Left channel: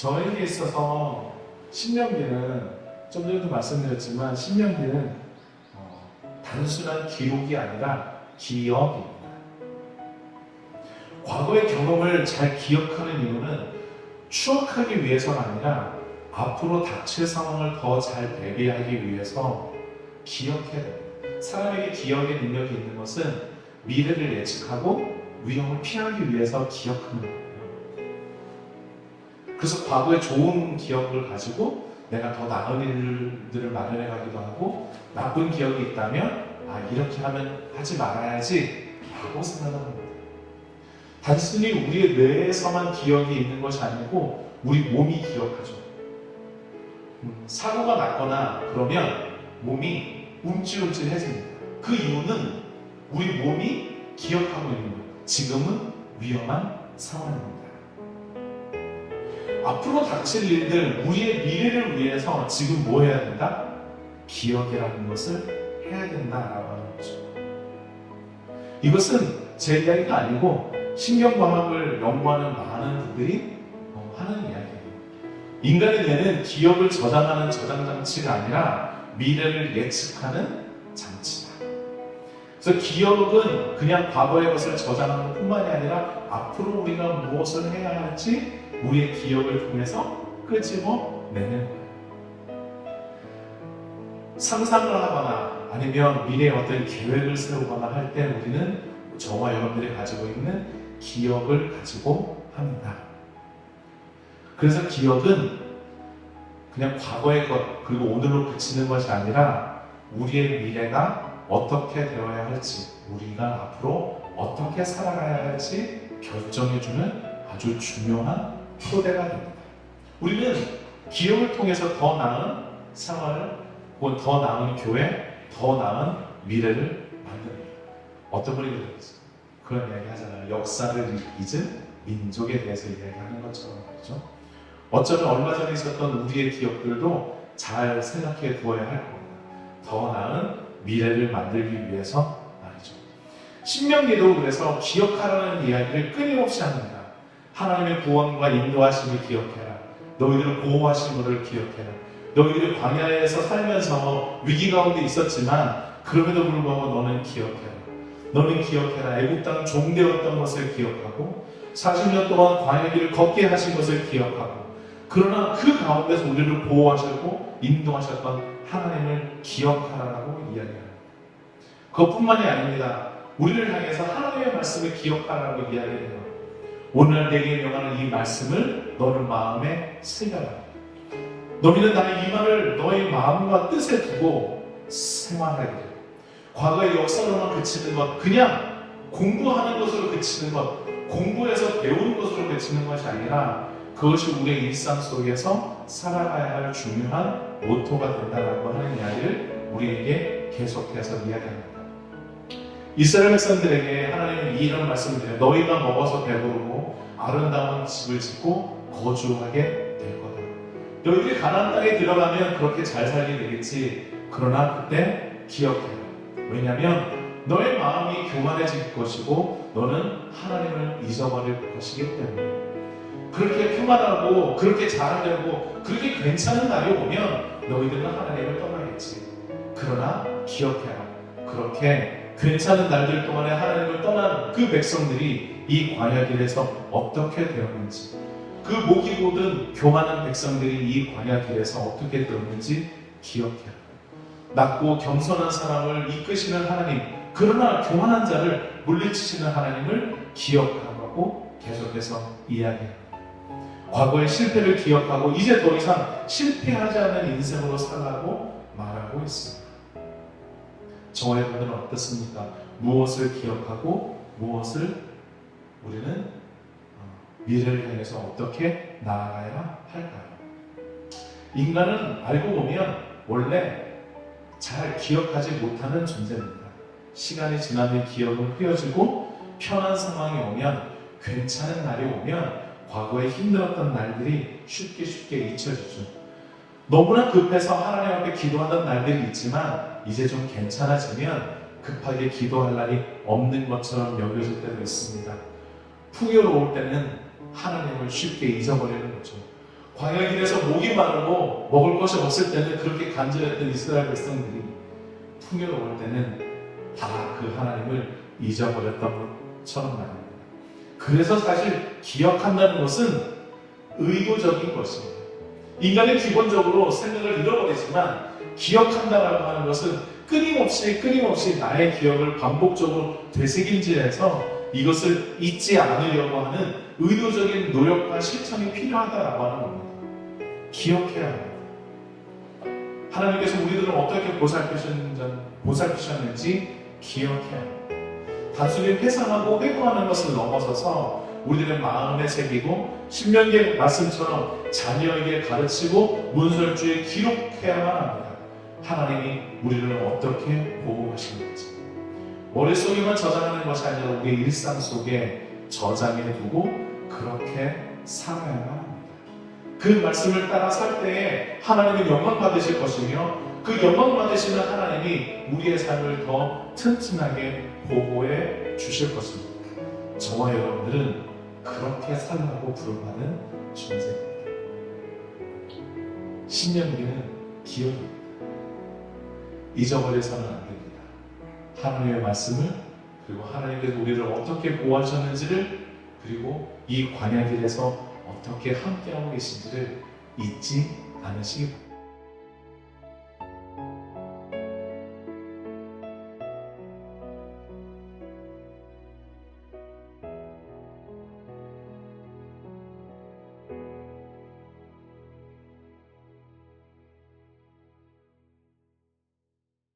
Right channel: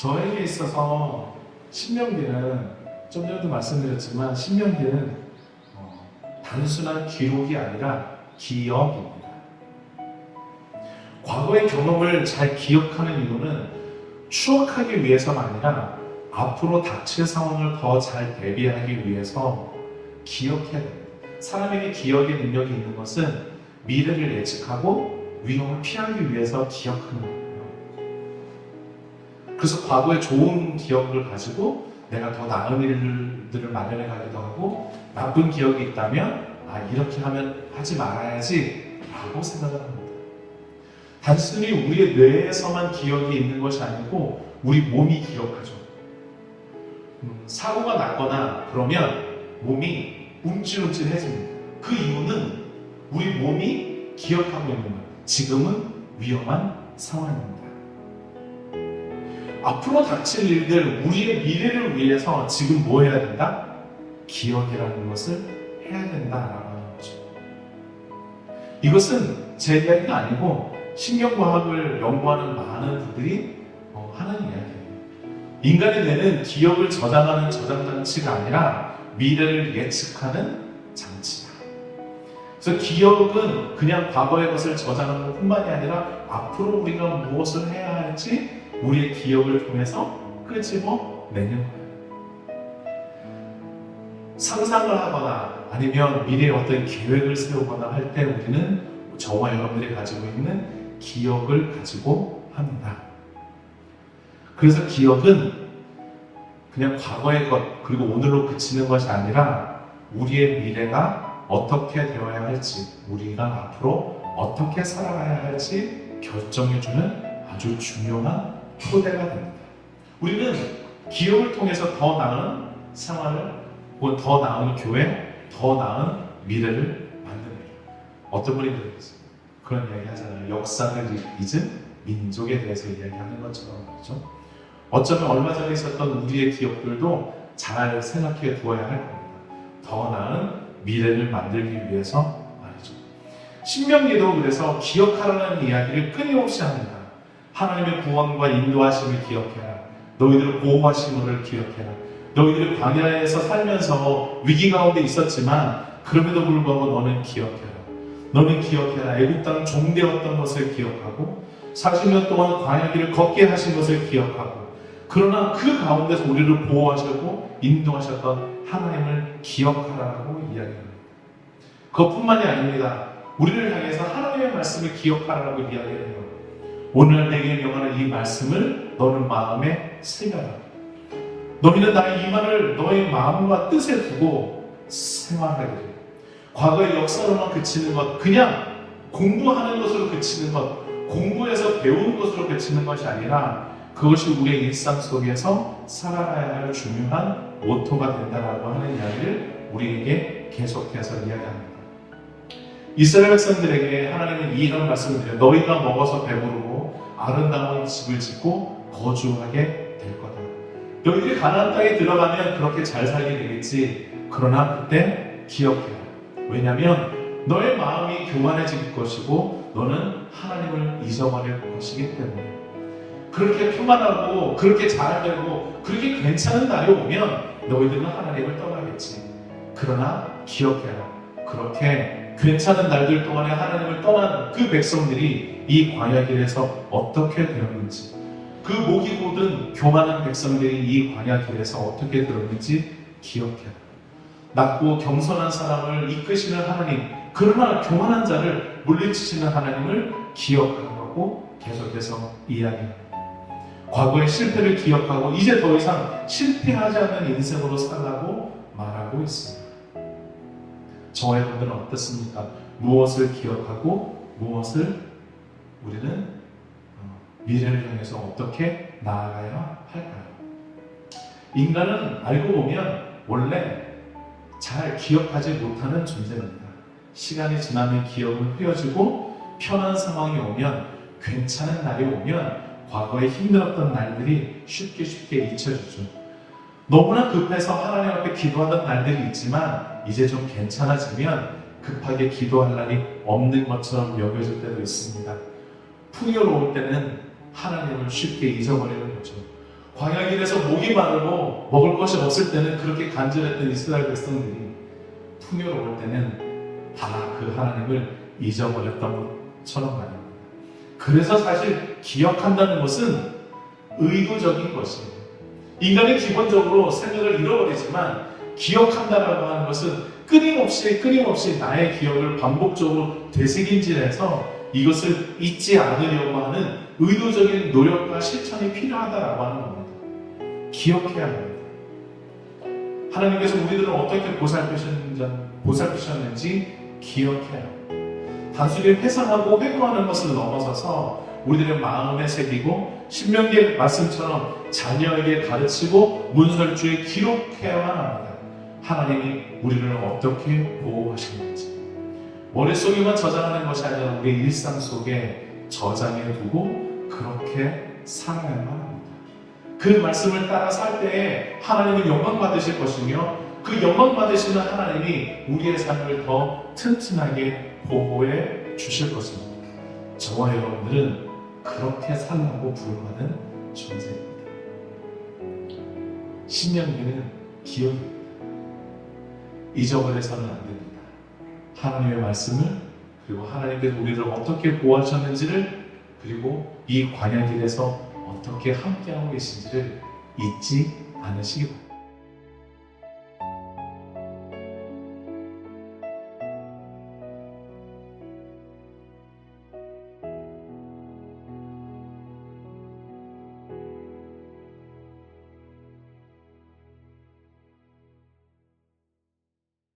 저에게 있어서 신명기는 좀 전에도 말씀드렸지만 신명기는 단순한 기록이 아니라 기억입니다. 과거의 경험을 잘 기억하는 이유는 추억하기 위해서가 아니라 앞으로 닥칠 상황을 더 잘 대비하기 위해서 기억해야 됩니다. 사람에게 기억의 능력이 있는 것은 미래를 예측하고 위험을 피하기 위해서 기억하는 거예요. 그래서 과거의 좋은 기억을 가지고 내가 더 나은 일들을 마련해 가기도 하고, 나쁜 기억이 있다면 이렇게 하면 하지 말아야지 라고 생각을 합니다. 단순히 우리의 뇌에서만 기억이 있는 것이 아니고 우리 몸이 기억하죠. 사고가 났거나 그러면 몸이 움찔움찔해집니다. 그 이유는 우리 몸이 기억하고 있는 거예요. 지금은 위험한 상황입니다. 앞으로 닥칠 일들, 우리의 미래를 위해서 지금 뭐 해야 된다? 기억이라는 것을 해야 된다라고 하는 거죠. 이것은 제 이야기가 아니고 신경과학을 연구하는 많은 분들이 하는 이야기예요. 인간의 뇌는 기억을 저장하는 저장장치가 아니라 미래를 예측하는 장치다. 그래서 기억은 그냥 과거의 것을 저장하는 뿐만이 아니라 앞으로 우리가 무엇을 해야 할지 우리의 기억을 통해서 끄집어내는 거예요. 상상을 하거나 아니면 미래에 어떤 계획을 세우거나 할 때 우리는 저와 여러분들이 가지고 있는 기억을 가지고 합니다. 그래서 기억은 그냥 과거의 것 그리고 오늘로 그치는 것이 아니라 우리의 미래가 어떻게 되어야 할지, 우리가 앞으로 어떻게 살아가야 할지 결정해주는 아주 중요한 토대가 됩니다. 우리는 기억을 통해서 더 나은 생활을, 더 나은 교회, 더 나은 미래를 만듭니다. 어떤 분이 그러겠어요? 그런 이야기 하잖아요. 역사를 잊은 민족에 대해서 이야기하는 것처럼 말이죠. 어쩌면 얼마 전에 있었던 우리의 기억들도 잘 생각해 두어야 할 겁니다. 더 나은 미래를 만들기 위해서 말이죠. 신명기도 그래서 기억하라는 이야기를 끊임없이 합니다. 하나님의 구원과 인도하심을 기억해라. 너희들을 보호하신 것을 기억해라. 너희들이 광야에서 살면서 위기 가운데 있었지만 그럼에도 불구하고 너는 기억해라. 너는 기억해라. 애국 땅 종되었던 것을 기억하고 40년 동안 광야 길을 걷게 하신 것을 기억하고, 그러나 그 가운데서 우리를 보호하셨고 인도하셨던 하나님을 기억하라고 이야기합니다. 그것뿐만이 아닙니다. 우리를 향해서 하나님의 말씀을 기억하라고 이야기해요. 오늘 내게 명하는 이 말씀을 너는 마음에 새겨라. 너희는 나의 이 말을 너의 마음과 뜻에 두고 생활하게 돼. 과거의 역사로만 그치는 것, 그냥 공부하는 것으로 그치는 것, 공부해서 배우는 것으로 그치는 것이 아니라 그것이 우리의 일상 속에서 살아가야 할 중요한 모토가 된다라고 하는 이야기를 우리에게 계속해서 이야기합니다. 이스라엘 백성들에게 하나님은 이런 말씀을 드려요. 너희가 먹어서 배부르고 아름다운 집을 짓고 거주하게 될 거다. 너희들이 가나안 땅에 들어가면 그렇게 잘 살게 되겠지. 그러나 그때 기억해라. 왜냐하면 너의 마음이 교만해질 것이고 너는 하나님을 잊어버릴 것이기 때문에. 그렇게 평안하고 그렇게 잘되고 그렇게 괜찮은 날이 오면 너희들은 하나님을 떠나겠지. 그러나 기억해라. 그렇게 괜찮은 날들 동안에 하나님을 떠난 그 백성들이 이 광야길에서 어떻게 되었는지, 그 목이 곧은 교만한 백성들이 이 광야길에서 어떻게 되었는지 기억해라. 낮고 겸손한 사람을 이끄시는 하나님, 그러나 교만한 자를 물리치시는 하나님을 기억하라고 계속해서 이야기합니다. 과거의 실패를 기억하고 이제 더 이상 실패하지 않는 인생으로 살라고 말하고 있습니다. 저와 여러분들은 어떻습니까? 무엇을 기억하고 무엇을 우리는 미래를 향해서 어떻게 나아가야 할까요? 인간은 알고 보면 원래 잘 기억하지 못하는 존재입니다. 시간이 지나면 기억은 흐려지고 편한 상황이 오면, 괜찮은 날이 오면 과거에 힘들었던 날들이 쉽게 잊혀지죠. 너무나 급해서 하나님 앞에 기도하던 날들이 있지만 이제 좀 괜찮아지면 급하게 기도할 날이 없는 것처럼 여겨질 때도 있습니다. 풍요로울 때는 하나님을 쉽게 잊어버리는 거죠. 광야길에서 목이 마르고 먹을 것이 없을 때는 그렇게 간절했던 이스라엘 백성들이 풍요로울 때는 다 그 하나님을 잊어버렸던 것처럼 말합니다. 그래서 사실 기억한다는 것은 의도적인 것이에요. 인간은 기본적으로 생각을 잃어버리지만 기억한다라고 하는 것은 끊임없이 나의 기억을 반복적으로 되새김질해서 이것을 잊지 않으려고 하는 의도적인 노력과 실천이 필요하다라고 하는 겁니다. 기억해야 합니다. 하나님께서 우리들을 어떻게 보살피셨는지 기억해야 합니다. 단순히 회상하고 회고하는 것을 넘어서서 우리들의 마음에 새기고 신명기의 말씀처럼 자녀에게 가르치고 문설주에 기록해야만 합니다. 하나님이 우리를 어떻게 보호하시는지 머릿속에만 저장하는 것이 아니라 우리의 일상 속에 저장해 두고 그렇게 살아야만 합니다. 그 말씀을 따라 살 때에 하나님은 영광 받으실 것이며 그 영광 받으시는 하나님이 우리의 삶을 더 튼튼하게 보호해 주실 것입니다. 저와 여러분들은 그렇게 살라고 부름받은 존재입니다. 신명기는 기억입니다. 잊어버려서는 안 됩니다. 하나님의 말씀을 그리고 하나님께서 우리를 어떻게 보호하셨는지를 그리고 이 광야길에서 어떻게 함께하고 계신지를 잊지 않으시기 바랍니다.